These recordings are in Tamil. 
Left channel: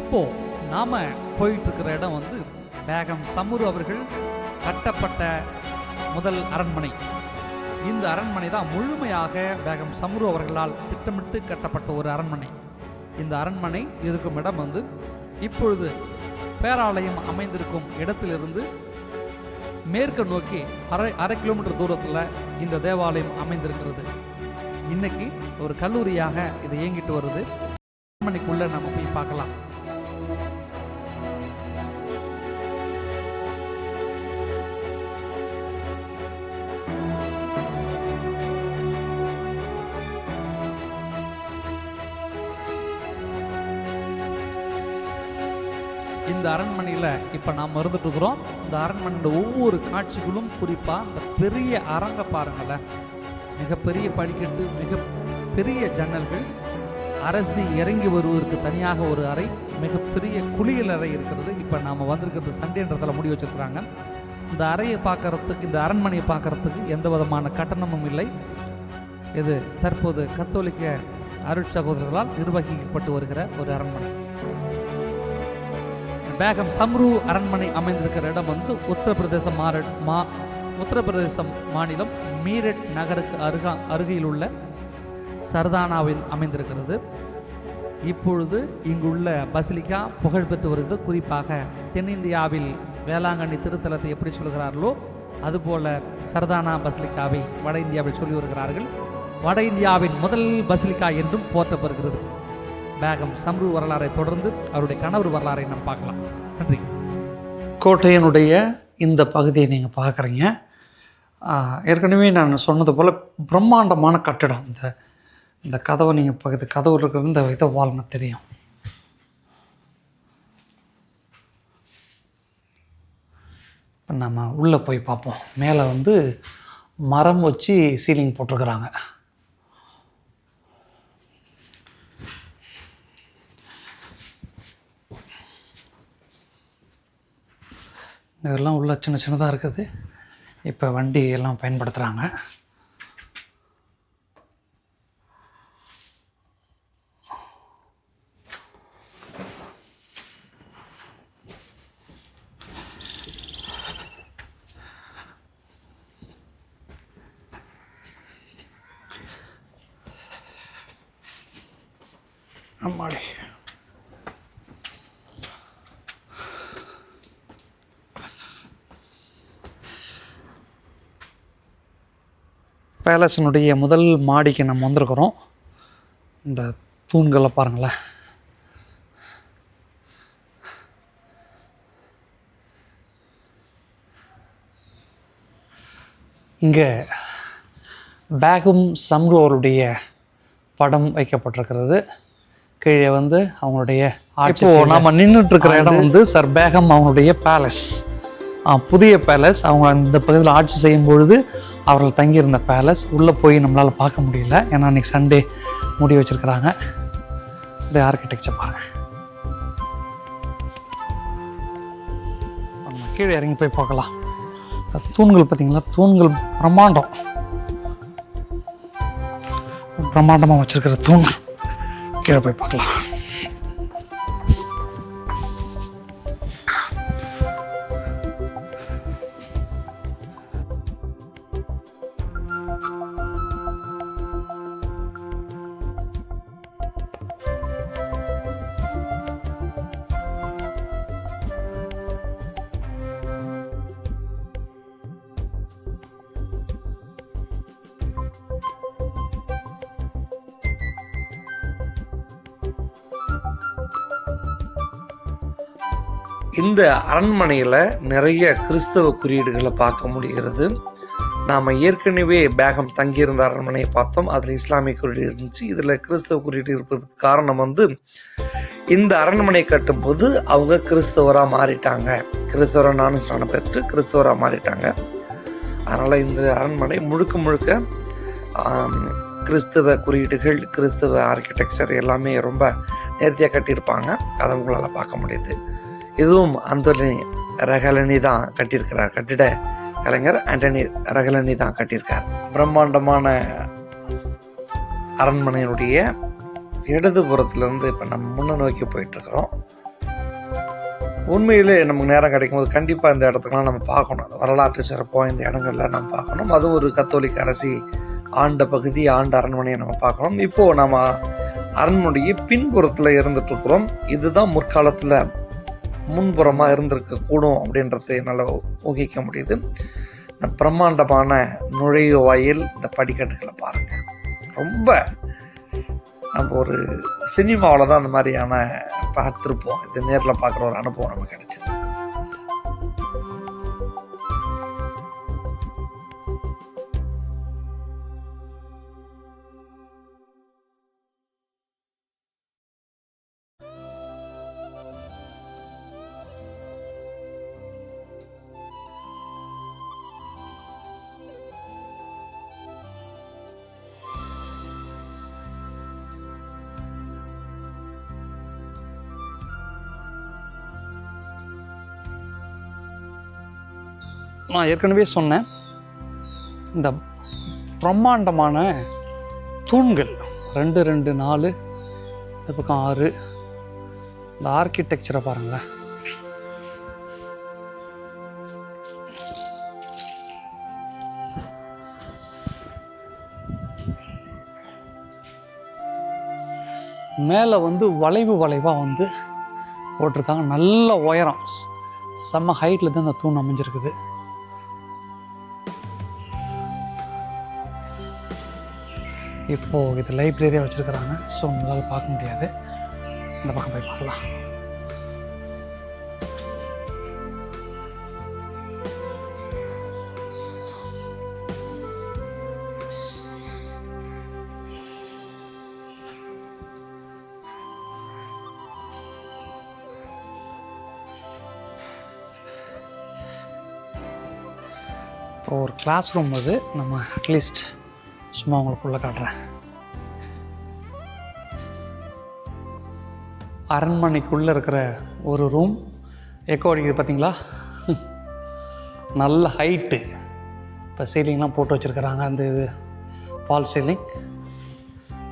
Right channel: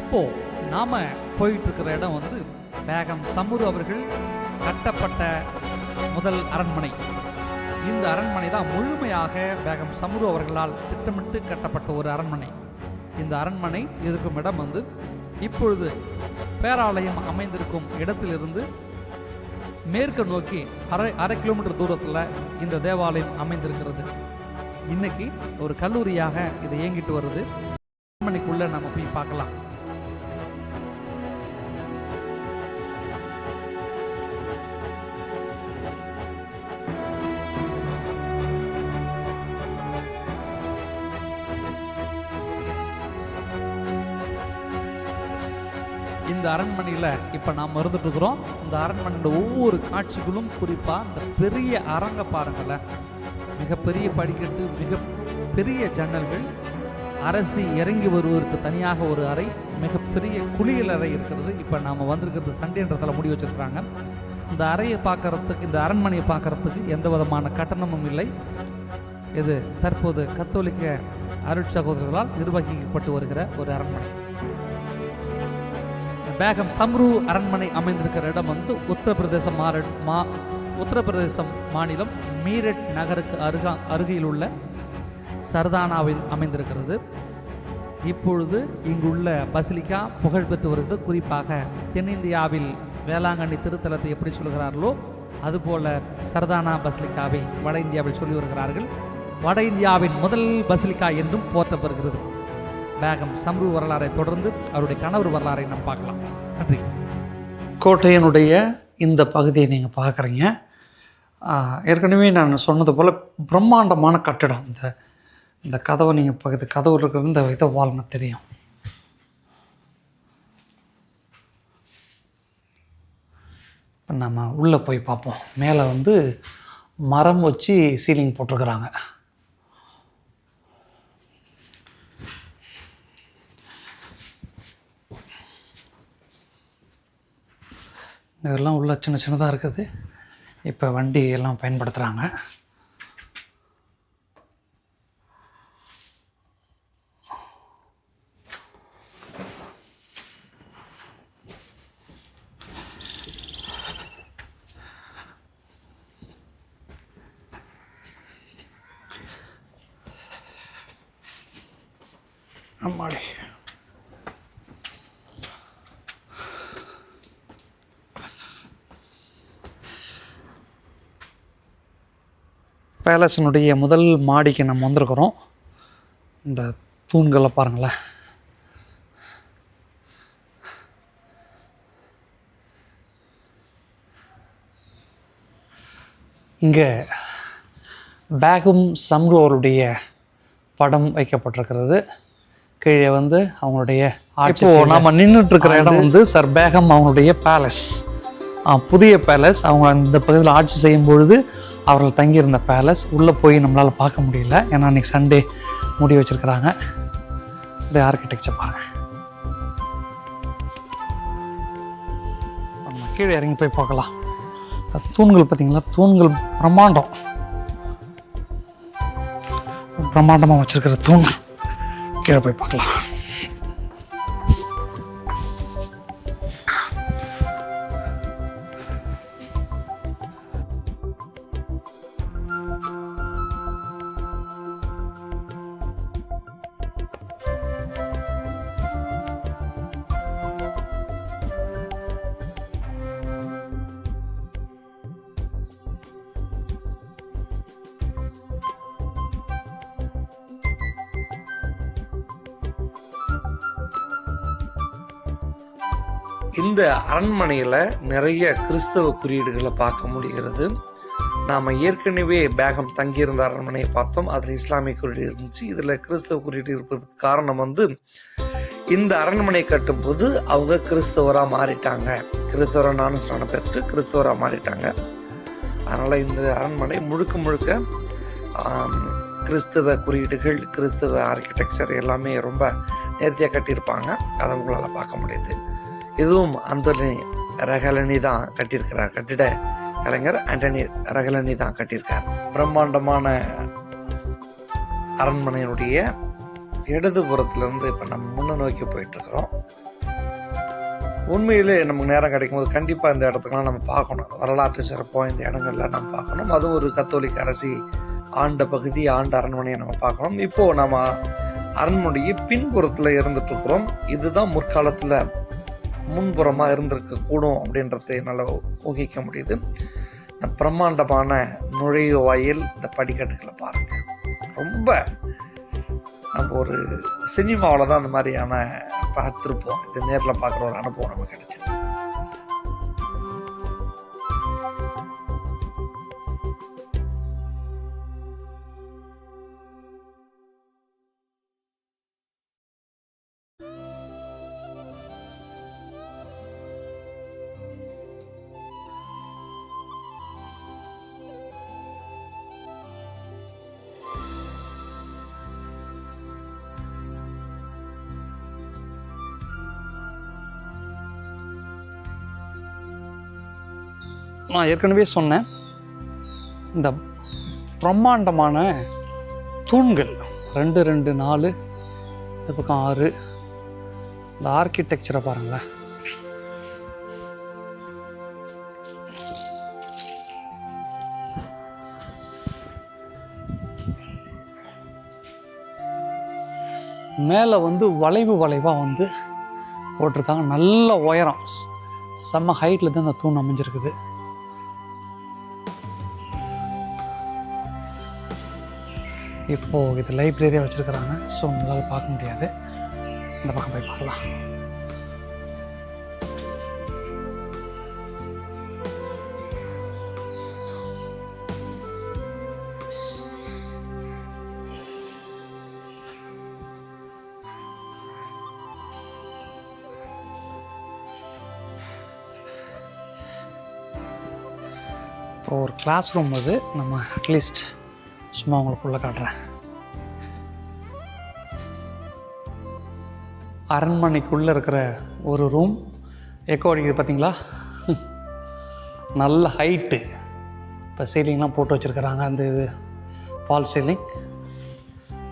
இப்போது நாம் போயிட்டுருக்கிற இடம் வந்து பேகம் சமுரு அவர்கள் கட்டப்பட்ட முதல் அரண்மனை. இந்த அரண்மனை தான் முழுமையாக பேகம் சமுரு அவர்களால் திட்டமிட்டு கட்டப்பட்ட ஒரு அரண்மனை. இந்த அரண்மனை இருக்கும் இடம் வந்து இப்பொழுது பேராலயம் அமைந்திருக்கும் இடத்திலிருந்து மேற்கு நோக்கி அரை கிலோமீட்டர் தூரத்தில் இந்த தேவாலயம் அமைந்திருக்கிறது. இன்னைக்கு ஒரு கல்லூரியாக இது இயங்கிட்டு வருது. அரண்மனைக்குள்ளே நம்ம போய் பார்க்கலாம். இந்த அரண்மனையில் இப்போ நாம் இருந்துட்டு இருக்கிறோம். இந்த அரண்மனையோட ஒவ்வொரு காட்சிகளும், குறிப்பாக இந்த பெரிய அரங்க பாருங்களேன், மிகப்பெரிய படிக்கட்டு, மிகப்பெரிய ஜன்னல்கள், அரசி இறங்கி வருவதற்கு தனியாக ஒரு அறை, மிகப்பெரிய குளியல் அறை இருக்கிறது. இப்போ நாம் வந்திருக்கிறது சண்டேன்றதில் முடி வச்சுருக்கிறாங்க. இந்த அறையை பார்க்குறதுக்கு, இந்த அரண்மனையை பார்க்குறதுக்கு எந்த விதமான கட்டணமும் இல்லை. இது தற்போது கத்தோலிக்க அருட்சகோதரர்களால் நிர்வகிக்கப்பட்டு வருகிற ஒரு அரண்மனை. பேகம் சம்ரு அரண்மனை அமைந்திருக்கிற இடம் வந்து உத்தரப்பிரதேசம் மாநிலம் மீரட் நகருக்கு அருகில் உள்ள சர்தானாவில் அமைந்திருக்கிறது. இப்பொழுது இங்குள்ள பசிலிக்கா புகழ்பெற்று வருகிறது. குறிப்பாக தென்னிந்தியாவில் வேளாங்கண்ணி திருத்தலத்தை எப்படி சொல்கிறார்களோ அதுபோல சர்தானா பசிலிக்காவை வட இந்தியாவில் சொல்லி வருகிறார்கள். வட இந்தியாவின் முதல் பசிலிக்கா என்றும் போற்றப்படுகிறது. பேகம் சம்ரு வரலாறை தொடர்ந்து அவருடைய கணவர் வரலாறை நாம் பார்க்கலாம். நன்றி. கோட்டையினுடைய இந்த பகுதியை நீங்கள் பார்க்குறீங்க. ஏற்கனவே நான் சொன்னது போல் பிரம்மாண்டமான கட்டிடம். இந்த கதவை நீங்கள் பக்கத்து கதவு இருக்கிற இந்த இதை வாழ்னு தெரியும். இப்போ நம்ம உள்ளே போய் பார்ப்போம். மேலே வந்து மரம் வச்சு சீலிங் போட்டிருக்கிறாங்க. இதெல்லாம் உள்ள சின்ன சின்னதாக இருக்குது. இப்போ வண்டி எல்லாம் பயன்படுத்துகிறாங்க. அம்மாடி, பேலஸினுடைய முதல் மாடிக்கு நம்ம வந்திருக்கிறோம். இந்த தூண்களை பாருங்களேன். இங்கே பேகம் சம்ரு அவருடைய படம் வைக்கப்பட்டிருக்கிறது. கீழே வந்து அவங்களுடைய ஆட்சி. நம்ம நின்றுட்டு இருக்கிற இடம் வந்து சர் பேகம் அவங்களுடைய பேலஸ், புதிய பேலஸ். அவங்க இந்த பகுதியில் ஆட்சி செய்யும் பொழுது அவர்கள் தங்கியிருந்த பேலஸ். உள்ளே போய் நம்மளால் பார்க்க முடியல, ஏன்னா அன்றைக்கி சண்டே மூடி வச்சுருக்கிறாங்க. இந்த ஆர்கிடெக்சர் பாருங்கள். நம்ம கீழே இறங்கி போய் பார்க்கலாம். தூண்கள் பார்த்திங்களா, தூண்கள் பிரம்மாண்டமாக வச்சுருக்கிற தூண்கள். கீழே போய் பார்க்கலாம். இந்த அரண்மனையில் நிறைய கிறிஸ்தவ குறியீடுகளை பார்க்க முடிகிறது. நாம் ஏற்கனவே பேகம் தங்கியிருந்த அரண்மனையை பார்த்தோம். அதில் இஸ்லாமிய குறியீடு இருந்துச்சு. இதில் கிறிஸ்தவ குறியீடு இருப்பதற்கு காரணம் வந்து இந்த அரண்மனை கட்டும்போது அவங்க கிறிஸ்தவராக மாறிட்டாங்க. கிறிஸ்தவராக ஞானஸ்நானம் பெற்று கிறிஸ்தவராக மாறிட்டாங்க. அதனால் இந்த அரண்மனை முழுக்க கிறிஸ்தவ குறியீடுகள், கிறிஸ்தவ ஆர்கிடெக்சர் எல்லாமே ரொம்ப நேர்த்தியாக கட்டியிருப்பாங்க. அதை உங்களால் பார்க்க முடியுது. இதுவும் அந்தோனி ரகலனி தான் கட்டியிருக்கிறார். கட்டிட கலைஞர் ஆண்டனி ரகலனி தான் கட்டியிருக்கார். பிரம்மாண்டமான அரண்மனையினுடைய இடதுபுறத்துலேருந்து இப்போ நம்ம முன்ன நோக்கி போயிட்டுருக்குறோம். உண்மையிலே நமக்கு நேரம் கிடைக்கும்போது கண்டிப்பாக இந்த இடத்துக்கெல்லாம் நம்ம பார்க்கணும். வரலாற்று சிறப்பாக இந்த இடங்கள்லாம் நம்ம பார்க்கணும். அதுவும் ஒரு கத்தோலிக்க அரசி ஆண்ட பகுதி, ஆண்ட அரண்மனையை நம்ம பார்க்கணும். இப்போது நம்ம அரண்மனையை பின்புறத்தில் இருந்துகிட்ருக்குறோம். இதுதான் முற்காலத்தில் முன்புறமாக இருந்திருக்கக்கூடும் அப்படின்றத என்னால் ஊகிக்க முடியுது. இந்த பிரம்மாண்டமான நுழைவு வாயில், இந்த படிக்கட்டுகளை பாருங்கள். ரொம்ப நம்ம ஒரு சினிமாவில் தான் அந்த மாதிரியான பார்த்துருப்போம். இது நேரில் பார்க்குற ஒரு அனுபவம் நமக்கு கிடைச்சிது. நான் ஏற்கனவே சொன்னேன், இந்த பிரம்மாண்டமான தூண்கள் 2 2 4 இந்த பக்கம் 6, இந்த ஆர்கிடெக்சரை பாருங்களேன். மேலே வளைவாக போட்டிருக்காங்க. நல்ல உயரம், செம்ம ஹைட்டில் தான் இந்த தூண் அமைஞ்சிருக்குது. இப்போது இது லைப்ரரியாக வச்சுருக்கிறாங்க. ஸோ நம்மளால் பார்க்க முடியாது. இந்த பக்கம் போய் பார்க்கலாம். இப்போ ஒரு கிளாஸ் ரூம் அது. நம்ம அட்லீஸ்ட் சும்மா உங்களுக்குள்ளே காட்டுறேன். அரண்மனைக்குள்ளே இருக்கிற ஒரு ரூம். எக்கோ அடிக்குது பார்த்தீங்களா? நல்ல ஹைட்டு. இப்போ சீலிங்லாம் போட்டு வச்சுருக்கிறாங்க. அந்த இது ஃபால் சீலிங்,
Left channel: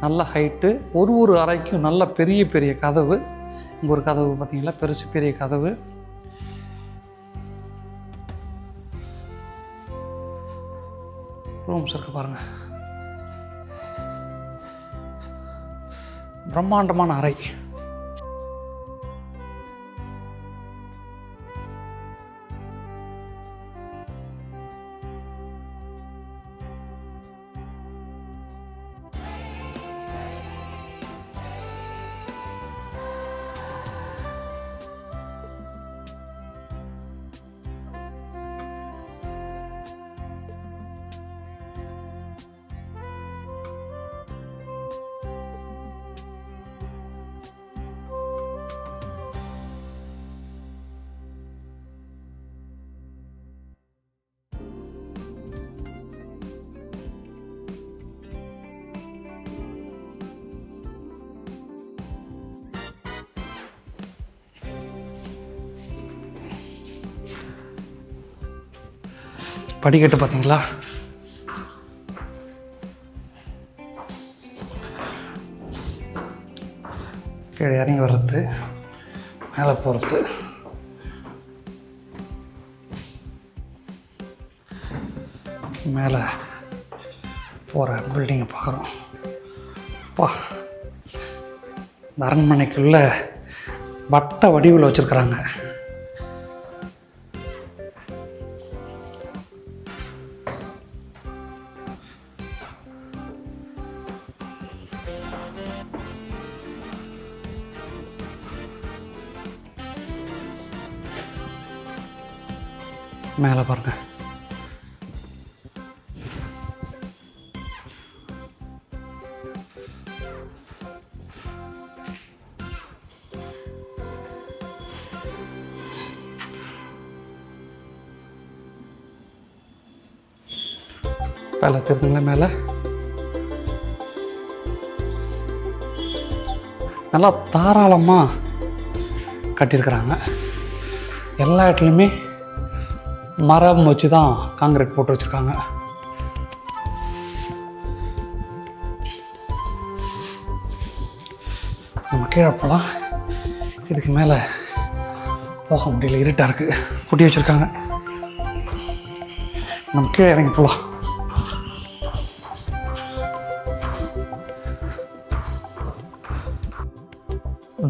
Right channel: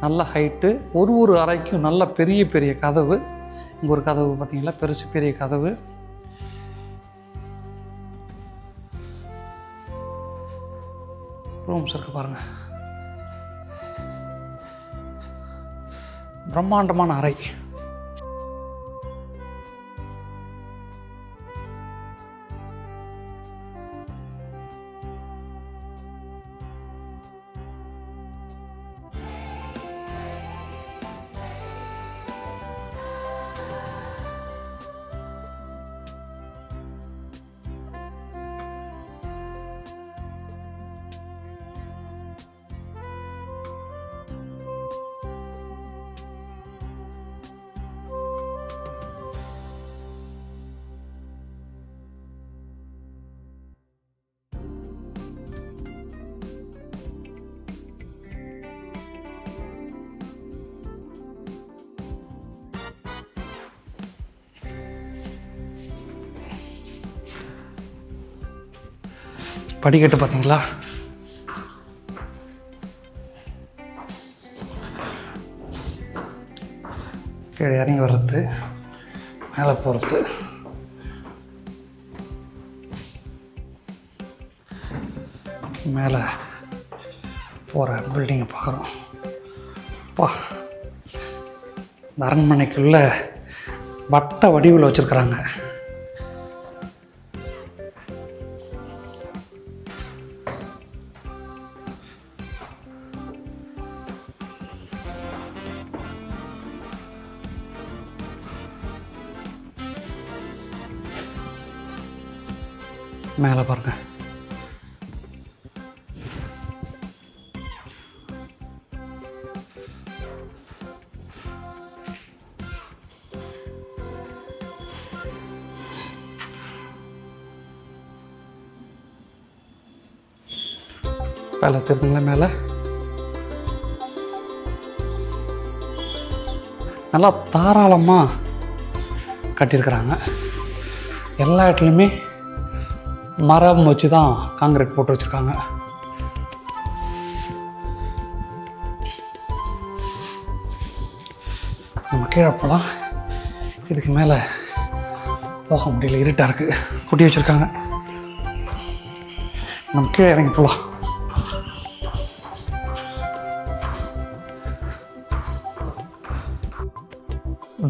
நல்ல ஹைட்டு. ஒரு அறைக்கும் நல்ல பெரிய பெரிய கதவு. இங்கே ஒரு கதவு பார்த்தீங்களா, பெரிய கதவு. ரூம்ஸ் இருக்குது பாருங்கள். பிரம்மாண்டமான அறை. படிக்கட்டு பார்த்தீங்களா? கீழே இறங்கி வர்றது, மேலே போகிறது. மேலே போகிற பில்டிங்கை பார்க்குறோம். அப்பா, இந்த அரண்மனைக்குள்ள வட்ட வடிவில் வச்சுருக்குறாங்க. மேலே பாருங்க. பேலஸ் தெரியுதுங்களா? மேலே நல்லா தாராளமாக கட்டியிருக்கிறாங்க. எல்லா இடத்துலையுமே மரம் வச்சு தான் காங்கிரீட் போட்டு வச்சுருக்காங்க. நம்ம கீழே போகலாம். இதுக்கு மேலே போக முடியல, இருட்டாக இருக்குது, பூட்டி வச்சுருக்காங்க. நம்ம கீழே இறங்கி போகலாம்.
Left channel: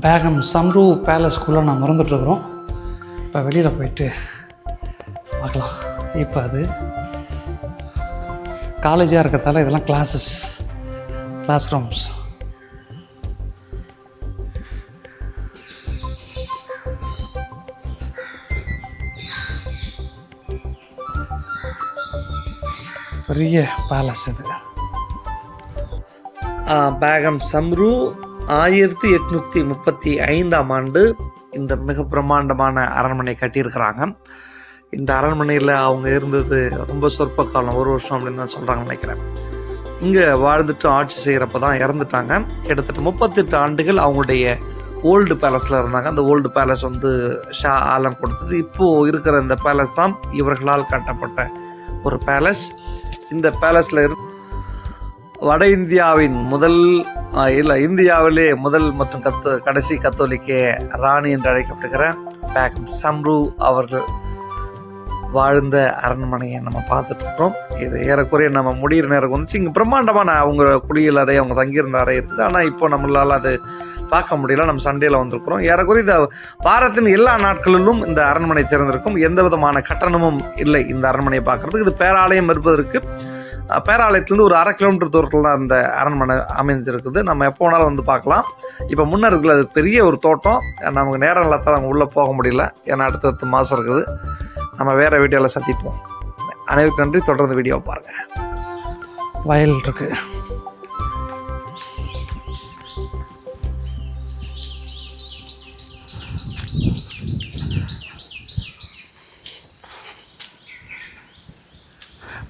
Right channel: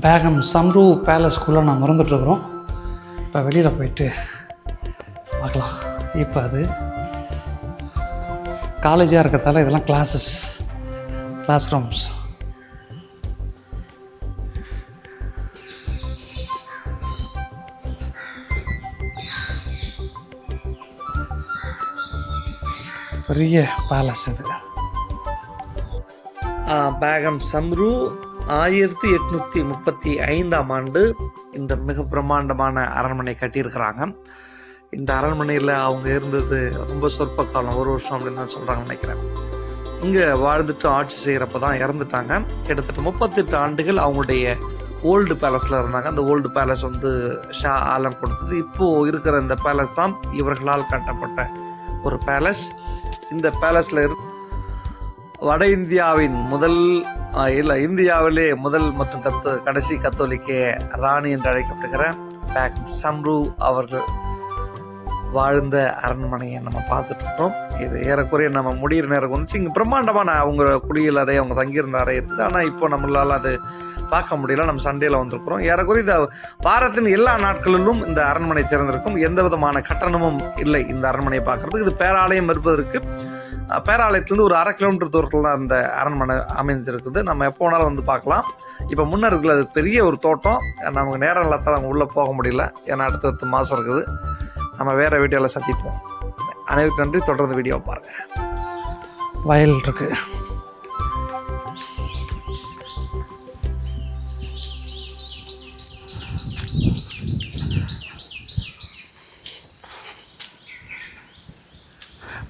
பேகம் சம்ரு பேலஸ்குள்ளே நான் மறந்துட்டுருக்குறோம். இப்போ வெளியில் போயிட்டு பார்க்கலாம். இப்போ அது காலேஜாக இருக்கிறதால இதெல்லாம் கிளாஸ் ரூம்ஸ். பெரிய பேலஸ் இது. பேகம் சம்ரு 1835ஆம் ஆண்டு இந்த மிக பிரம்மாண்டமான அரண்மனை கட்டியிருக்கிறாங்க. இந்த அரண்மனையில் அவங்க இருந்தது ரொம்ப சொற்ப காலம், 1 வருஷம் அப்படின்னு தான் சொல்கிறாங்கன்னு நினைக்கிறேன். இங்கே வாழ்ந்துட்டு ஆட்சி செய்கிறப்ப தான் இறந்துட்டாங்க. கிட்டத்தட்ட 38 ஆண்டுகள் அவங்களுடைய ஓல்டு பேலஸில் இருந்தாங்க. அந்த ஓல்டு பேலஸ் வந்து ஷா ஆலம் கொடுத்தது. இப்போது இருக்கிற இந்த பேலஸ் தான் இவர்களால் கட்டப்பட்ட ஒரு பேலஸ். இந்த பேலஸில் வட இந்தியாவின் இந்தியாவிலே முதல் மற்றும் கடைசி கத்தோலிக்க ராணி என்று அழைக்கப்படுகிற பேகம் சம்ரு அவர்கள் வாழ்ந்த அரண்மனையை நம்ம பார்த்துட்டு இருக்கிறோம். இது ஏறக்குறைய நம்ம முடிகிற நேரம் வந்துச்சு. இங்கே பிரம்மாண்டமான அவங்க குளியல் அறை, அவங்க தங்கியிருந்த அறை இருக்குது. ஆனால் இப்போ நம்மளால் அது பார்க்க முடியல. நம்ம சண்டேல வந்திருக்கிறோம். ஏறக்குறைய இந்த வாரத்தின் எல்லா நாட்களிலும் இந்த அரண்மனை திறந்திருக்கும். எந்த விதமான கட்டணமும் இல்லை இந்த அரண்மனையை பார்க்கறதுக்கு. இது பேராலயம் இருப்பதற்கு பேராலயத்துலேருந்து ஒரு 1/2 கிலோமீட்டர் தூரத்தில் தான் இந்த அரண்மனை அமைந்திருக்குது. நம்ம எப்போ வேணாலும் வந்து பார்க்கலாம். இப்போ முன்னே இருக்குல்ல, அது பெரிய ஒரு தோட்டம். நமக்கு நேரம் இல்லாத அங்கே உள்ளே போக முடியல, ஏன்னா அடுத்தடுத்த மாதம் இருக்குது. நம்ம வேறு வீடியோவில் சந்திப்போம். அனைவருக்கு நன்றி. தொடர்ந்து வீடியோவை பாருங்கள். வயல் இருக்குது.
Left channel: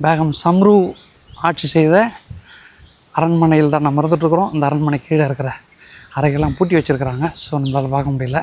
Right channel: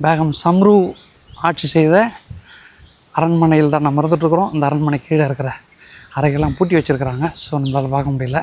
பேகம் சம்ரு ஆட்சி செய்த அரண்மனையில் தான் நம்ம இருந்துகிட்ருக்குறோம். இந்த அரண்மனை கீழே இருக்கிற அறைகள்லாம் பூட்டி வச்சுருக்கிறாங்க. ஸோ நம்மளால் பார்க்க முடியல.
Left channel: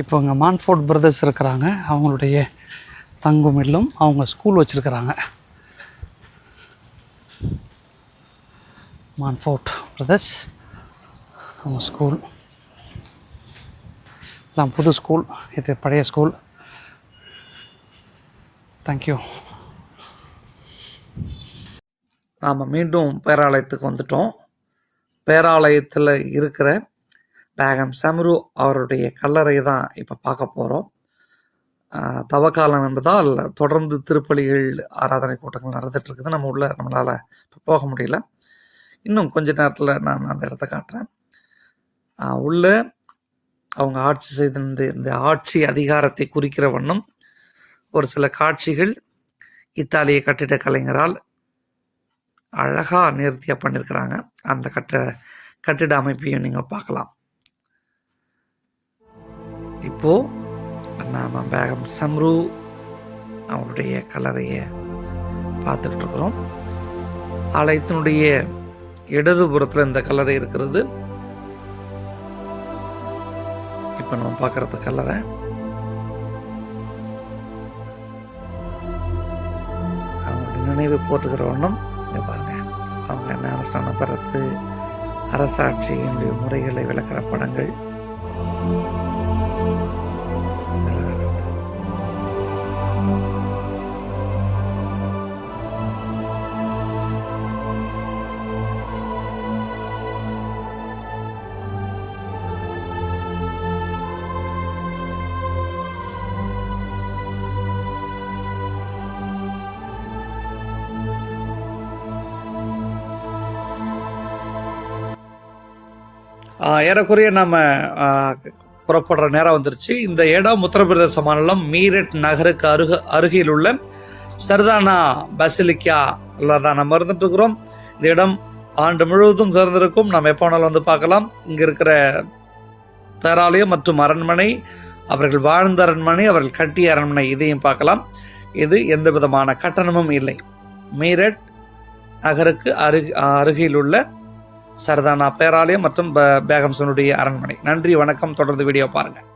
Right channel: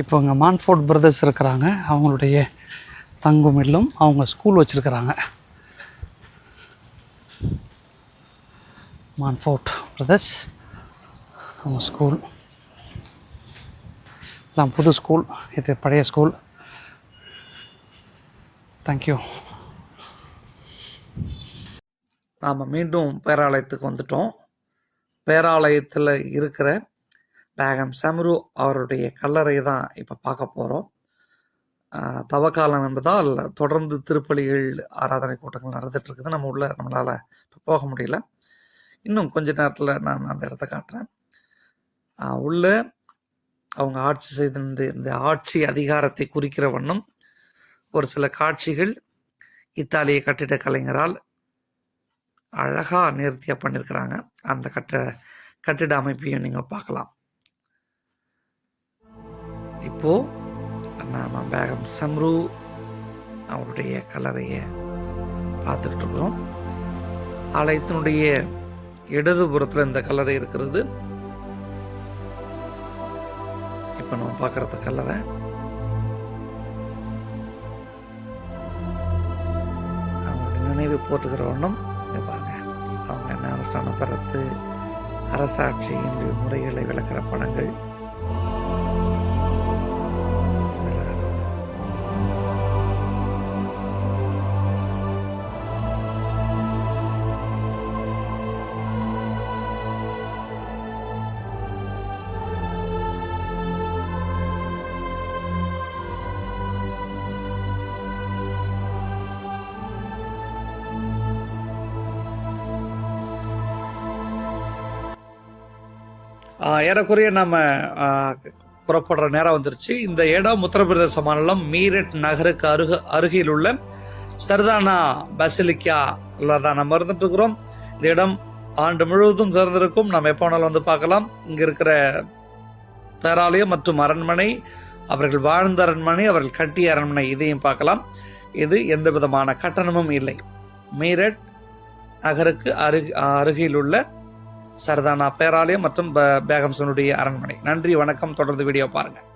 இப்போ இங்கே மான்ஃபோர்ட் பிரதர்ஸ் இருக்கிறாங்க. அவங்களுடைய தங்கும் இல்லம், அவங்க ஸ்கூல் வச்சுருக்கிறாங்க. மான்ஃபோர்ட் பிரதர்ஸ் அவங்க ஸ்கூல். இதெல்லாம் புது ஸ்கூல், இது பழைய ஸ்கூல். தேங்க்யூ. நாம் மீண்டும் பேராலயத்துக்கு வந்துட்டோம். பேராலயத்தில் இருக்கிற பேகம் சம்ரு அவருடைய கல்லறை தான் இப்போ பார்க்க போகிறோம். தவக்காலம் என்பதால் தொடர்ந்து திருப்பலிகள், ஆராதனை கூட்டங்கள் நடந்துகிட்ருக்குது. நம்மளால் இப்போ போக முடியல. இன்னும் கொஞ்ச நேரத்தில் நான் அந்த இடத்த காட்டுறேன். உள்ள அவங்க ஆட்சி செய்த இந்த ஆட்சி அதிகாரத்தை குறிக்கிற வண்ணம் ஒரு சில காட்சிகள் இத்தாலிய கட்டிட கலைஞரால் அழகாக நேர்த்தியாக பண்ணியிருக்கிறாங்க. அந்த கட்டிட அமைப்பையும் நீங்கள் பார்க்கலாம். இப்போது நாம் பேகம் சம்ரு அவருடைய கல்லறையை பார்த்துக்கிட்டு இருக்கிறோம். ஆலயத்தினுடைய இடதுபுறத்தில் இந்த கல்லறை இருக்கிறது. இப்போ நம்ம பார்க்குறது கல்லறை. அவங்க நினைவு போட்டுக்கிற ஒன்றும் பாருங்க. அவங்க ஞானஸ்தானம் பெறது, அரசாட்சியின் முறைகளை விளக்கிற படங்கள். ஏறக்குறைய நம்ம புறப்படுற நேரம் வந்துருச்சு. இந்த இடம் உத்தரப்பிரதேச மாநிலம் மீரட் நகருக்கு அருகில் உள்ள சர்தானா பசிலிக்கால தான் நம்ம இருந்துட்டு இருக்கிறோம். இந்த இடம் ஆண்டு முழுவதும் திறந்திருக்கும். நம்ம எப்போ வேணாலும் வந்து பார்க்கலாம். இங்கே இருக்கிற பேராலயம் மற்றும் அரண்மனை, அவர்கள் வாழ்ந்த அரண்மனை, அவர்கள் கட்டிய அரண்மனை, இதையும் பார்க்கலாம். இது எந்த விதமான கட்டணமும் இல்லை. மீரட் நகருக்கு அருகில் உள்ள சர்தானா பேராலயம் மற்றும் பேகம்சனுடைய அரண்மனை. நன்றி, வணக்கம். தொடர்ந்து வீடியோ பாருங்கள்.